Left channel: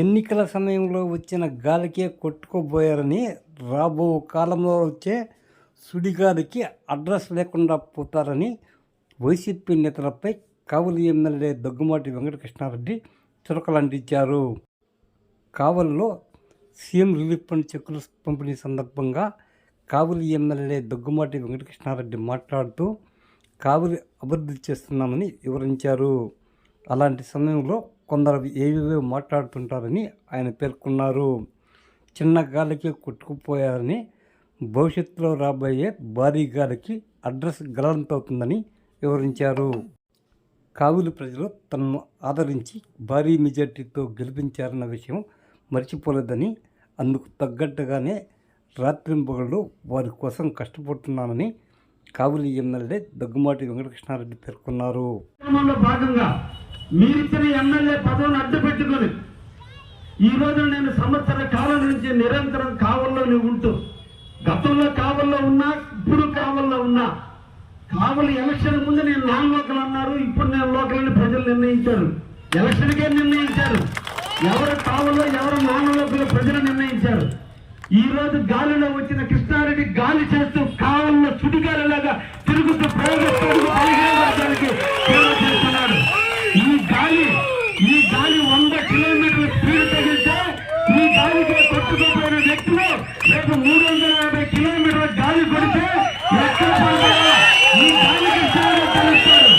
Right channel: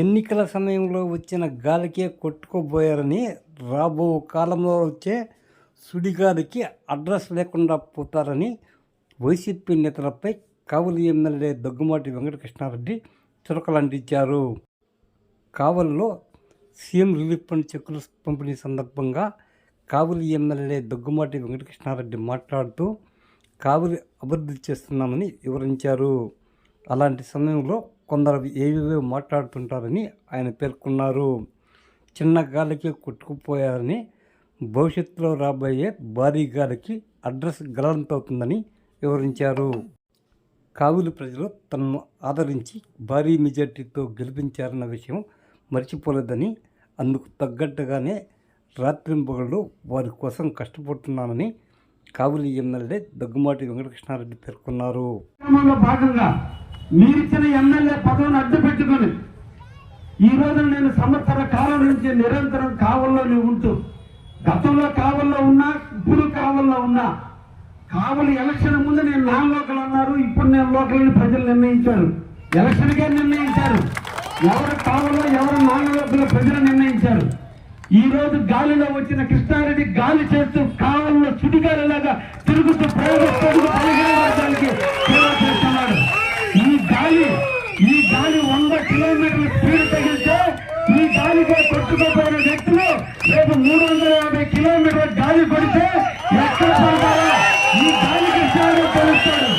ఎన్నికల సమయంలో వచ్చిన గాలికే కొట్టుకుపోయారని రాబో కాలంలో వచ్చే సుడిగాలికి అడ్రస్ లేకుండా పోతారని వైసీపీ నేతలపై కావలి ఎమ్మెల్యే దగ్గుమాటి వెంకటకృష్ణారెడ్డి చురకలంటించారు. కావలిలో సీఎం రిలీఫ్ ఫండ్ చెక్కుల పంపిణీ సందర్భంగా కావలి ఎమ్మెల్యే దగ్గుమాటి వెంకటకృష్ణారెడ్డి మాట్లాడుతూ కావలి అభివృద్ధి చేస్తున్నామని వివరించారు. అలాంటి సమయంలో కొందరు ఏవేవో మాట్లాడుతుంటారని ఆయన పేర్కొన్నారు. చిన్న గాలికి కొట్టుకుపోయారని భవిష్యత్తులో రాబోయే భారీ గాలికి అడ్రస్ గల్లంతవుతుందని వివరించారు. కావులి ప్రజలు తనను ఆదరించి భారీ మెజార్టీతో గెలిపించారన్న విషయం మర్చిపోలేదని, అందుకు తగ్గట్టుగానే రాత్రింపగళ్ళు వారి కోసం కష్టపడుతున్నానని కావులి ఎమ్మెల్యే దగ్గుమాటి వెంకటకృష్ణారెడ్డి పేర్కొన్నారు. భాగంగా మీరిచ్చిన ఎమ్మెల్యే పదవిని అడ్డు పెట్టుకుని ఈరోజు నేను సంవత్సర కాలం నుంచి నిరంతరం కావల్లోనే ఉంటూ, గతంలో కావల్లో ఉన్నా, ఇప్పుడు కావల్లో ఉన్నా, కావలి ఎలక్షన్ ముందు నేను నాన్ లోకల్ అన్నారు, ఇప్పుడు నేను లోకల్ అని ప్రజలు నిర్ణయించారు. ఎలక్షన్కే నిర్ణయించారు. ఎవరు కావల్లో ఎవరు నాన్ లోకల్ ప్రజలు నిర్ణయించారు. ఈ రోజు గాలిలో వచ్చిన కృష్ణారెడ్డి గాలి చేస్తూ కావల్లో సుడిగాలిలాగా తిరుగుతూ ప్రయోగస్తుడికి 15 వర్గానికి సేవ చేస్తున్నాడు. ఈ గాలి 100 కిలోమీటర్ల స్పీడ్ తగిలితే ఈ గాలికే కొట్టుకోపోయిన వ్యక్తులు రేపు 350 కిలోమీటర్ల గాలి కొడితే ఎక్కడ పడతారో ఈ గాలి కృష్ణారెడ్డి తెలుస్తాడు.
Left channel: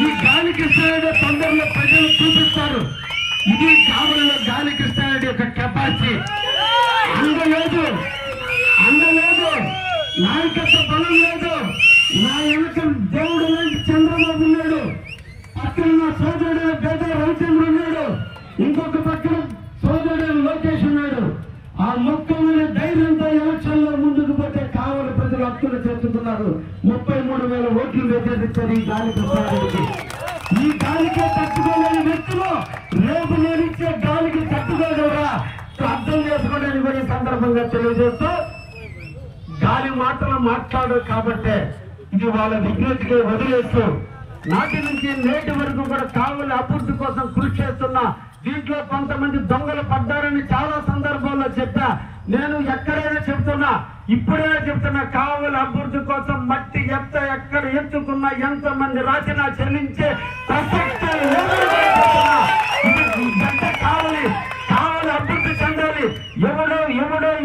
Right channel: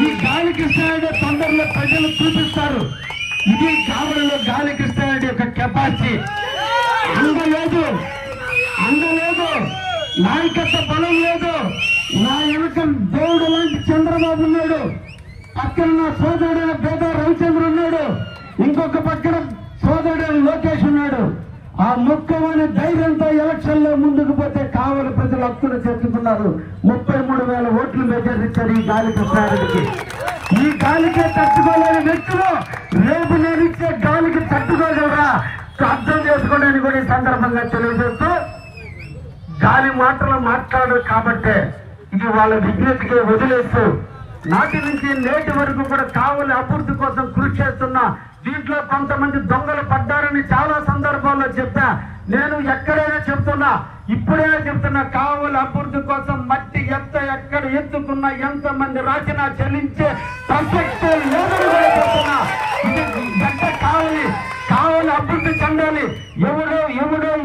ఈ గాలి కృష్ణారెడ్డి తొందరలో ప్రజలు చూపిస్తారు. ఇది కావలిలో గాలి కృష్ణారెడ్డి యొక్క కెపాసిటీ. అందలేదు, నాయకత్వ బలం లేదు. నా వెనుక దేవుడు లాంటి చంద్రబాబు ఉన్నాడు, పక్కన నా సోదరుడు పేద రవిచంద్ర ఉన్నాడు, ఇంకొక పక్కన సోదరుడు లోకేష్ ఉన్నాడు. ఆ ముఖ్యమైన ధైర్యంతో ఎలక్షన్ లో ముందుకు పోతే కావలి ప్రజలు హక్కులు చేర్చుకున్నారు. 33,000 ఓట్లు మెజారిచ్చారు ఈ గాలి కృష్ణారెడ్డికి. ఈ గాలికే తట్టుకోలేని వ్యక్తులు రేపు నేను ఇచ్చే గాలికి తట్టుకోగలరా అర్థం చేసుకోవడానికి కూడా ఈ సందర్భంగా తెలియజేస్తూ, గాలి మాటలు మాట్లాడరు కాబట్టే ఇది వాళ్ళ విజ్ఞతకి వదిలేస్తూ నాటి నుంచి నేటి వరకు కూడా కావలి అభివృద్ధి కోసం కృషి చేస్తున్నా. దీంట్లో కొంతమంది దొంగలు పడ్డారని చాలా సందర్భాల్లో చెప్పా. నేను ఎక్కడైనా చెప్తున్నా, ఇప్పుడే చెప్తున్నా, కావలి అభివృద్ధి కోసం మట్టి ఎక్కడ ఎత్తుకున్నా, ఎంతమంది రాసినా చెల్లించే ప్రసక్తే లేదని కావలి అభివృద్ధి చెందాలి. ఎవడో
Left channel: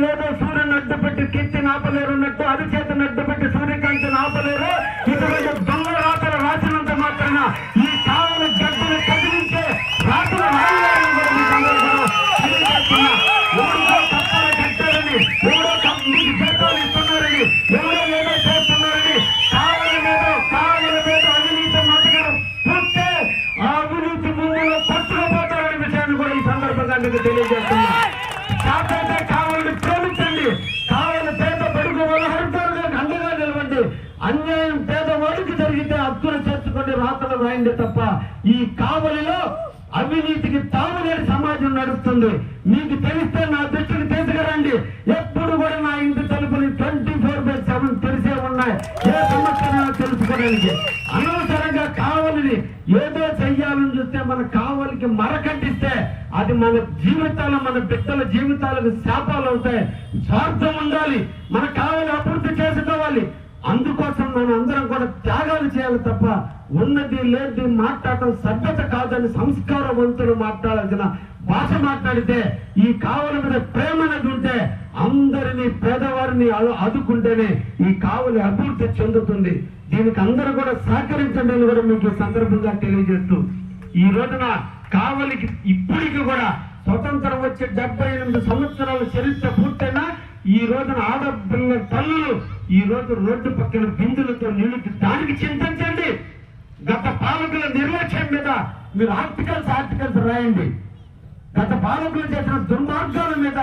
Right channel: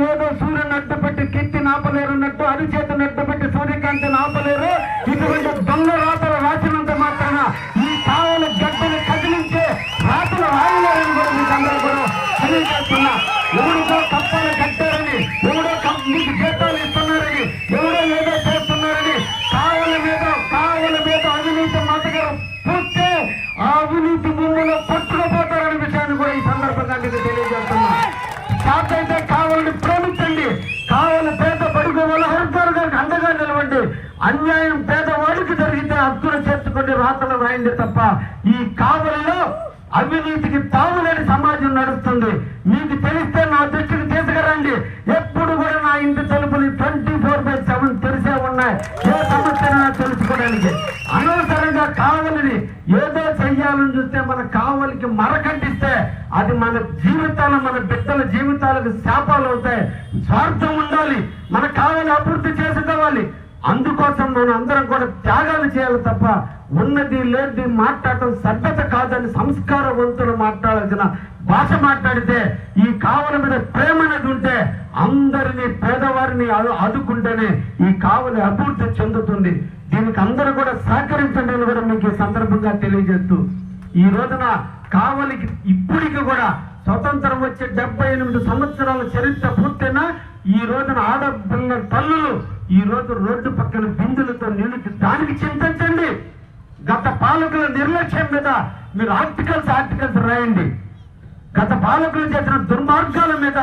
ఏదో సూర్యుని అడ్డుపెట్టి కెత్తిని ఆపలేరున్నట్టు, అరిచేతిని అడ్డుపెట్టి సూర్యకాంతిని ఆపలేరు. ఇటువంటి దొంగ రాతలు రాసినంత మాత్రాన ఈ కావలి గడ్డను కదిలించే రాతలు రాయలేరని కూడా మీకు అందరూ కూడా తెలియజేస్తున్నా. ఎవరితో కప్పలు కట్టారని, ఎవరో మీకు జీతాలు ఇస్తున్నారని, ఎవరో ఏదో చేస్తున్నారని కావలి మీద అవినీతి మాటగా చూస్తే ఆ అవినీతి ముందులో పట్టుకుపోతారనే విషయాన్ని కూడా ఈ సందర్భంగా మీకు తెలియజేస్తున్నా. కాకైతే కావాలని ప్రేమించండి. కావాలి పేద బడుగు వాళ్ళ వర్గాలకు అండగా నిలవండి. అన్యాయం పేదవాడికి జరిగితే హక్కులు చేర్చుకొని రాతలు రాయండి తప్ప ఈ కావలిలో అవినీతికి తావులేని సమాజం నడుస్తుంది. మీకు తెలిస్తే నా దృష్టికి తీసుకురండి. ఎప్పుడు కూడా నా ఇంటి తలుపులు 24/7 తెరిసే ఉన్నాయి, ఏ సమస్యను తెలుసుకోవడానికి. అనవసరంగా కావలిని ఏదో చెయ్యాలని చూస్తే మన కావలికి మరకట్టిస్తే అది మన జీవితాలు, మన బిడ్డల జీవితాలకు శాపాలు అవుతాయి. స్వార్థం ఉండాలి, మన కావలి అభివృద్ధి చేసుకోవాలి. అందుకోసం మనం అందరం కూడా త్యాగాలు చేయాలి తప్ప ఉన్నది లేనిది మాట్లాడటం సభ్యత కాదని సంస్కారవంతులు మాట్లాడాల్సిన భాష మాట్లాడితే, ఈ కావలి మీద ప్రేమ అనేది ఉంటే అందరినీ పేదవారిని ఆదుకుంటేనే ఈ కావలి అభివృద్ధి చెందుతుంది. దీనికి అందరూ కూడా సహకరించండి అని కూడా మీకు ఈ సందర్భంగా తెలియజేస్తూ, ఈ రోజున కావలికి ఇప్పటికి కూడా స్వతంత్రం వచ్చే 78 సంవత్సరాల చరిత్ర పూర్తయినా ఈ రోజున ఆడపిల్లల తల్లులు ఈ రోజు రోడ్డు పక్కన బిందులతో నీళ్ళకి దానికి చింతించండి. గత పాలకుల నిర్లక్ష్యం మీద మీరు ఆర్టికల్స్ రాయండి. గత పాలకులు చేసిన దుర్మార్గాల మీద,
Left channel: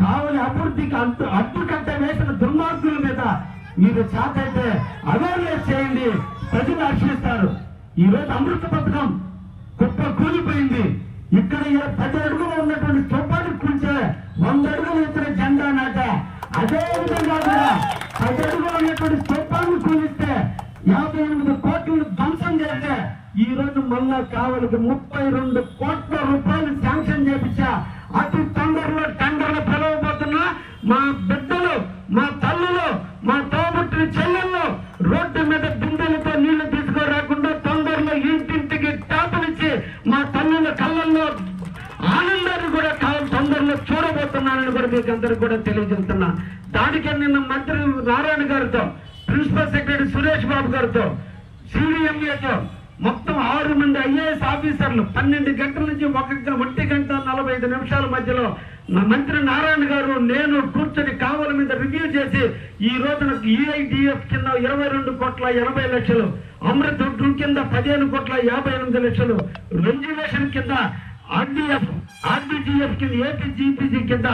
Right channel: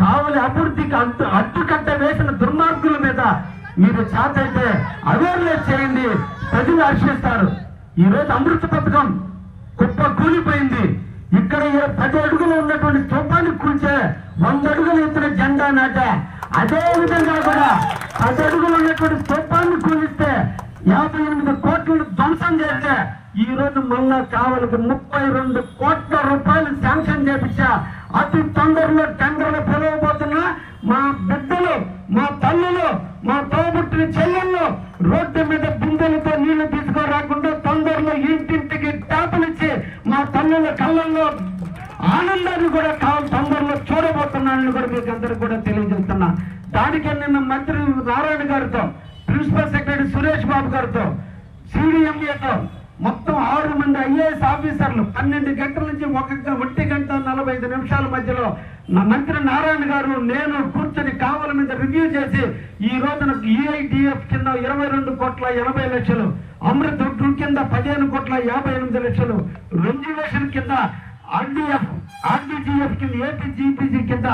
కావలి అభివృద్ధికి అడ్డుకట్ట వేసిన దుర్మార్గుల మీద మీరు చేతైతే అవేర్నెస్ చేయండి. ప్రజలు హర్షిస్తారు. ఈ రోజు అమృత పథకం కుప్ప కూలిపోయింది. ఇక్కడ 10 అడుగులు ఉన్నటువంటి స్తూపానికి కూర్చే 100 అడుగులు ఎత్తున జెండా నాట. అదే విధంగా కూడా 10 అడుగులు ఉన్నటువంటి స్తూపాన్ని కూలిస్తే 58 కోట్లను ధ్వంసం చేస్తే ఈ రోజు మళ్ళా కావాలకి 32 కోట్ల రూపాయలు శాంక్షన్ చేపించా. అతి తొందరలో టెండర్లు పిలవబోతున్నా. మా బిడ్డలు, మా తల్లులు, మా తోబుట్టిన చెల్లెళ్ళు రోడ్డు మీద బిందెలతో నీళ్లు తీసుకురాకుండా తొందరలో ఇంటింటికి ట్యాపులు ఇచ్చి మా తల్లుల కళ్ళల్లో ఆనందాన్ని కూడా తొందరలో చూడబోతున్నానని కూడా మీకు అందరికి కూడా తెలియజేస్తున్నా. దానికి నిన్న మంత్రి నారాయణ గారితో, ప్రిన్సిపల్ సెక్రటరీ సురేష్ బాబు గారితో, సిడిఎంఏతో మొత్తం 6 మంది ఐఏఎస్ ఆఫీసర్లు 12 గంటల నుంచి 1 గంట 45 నిమిషాల మధ్యలో నా మంత్రి నారాయణ గారు నేను కూర్చొని కావల మీద రివ్యూ చేసి ఈ రోజున ఈఐడిఎఫ్ కింద 22 కోట్ల 80 లక్షలు, అమృత్ కింద 15 కోట్ల 58 లక్షలు, రెన్యువేషన్ కింద ఆర్డీజీఎఫ్ కింద ఏపీజీపీజీ కింద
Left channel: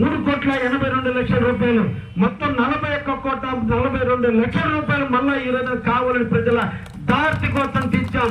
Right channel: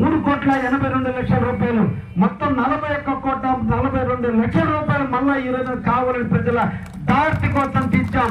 3 కోట్ల 82 లక్షల రూపాయలు, మొత్తం 41 కోట్ల 42 లక్షల రూపాయలు మళ్ళా ఈ రోజు కావాలని ప్రజల దారి కోసం తీర్చాం.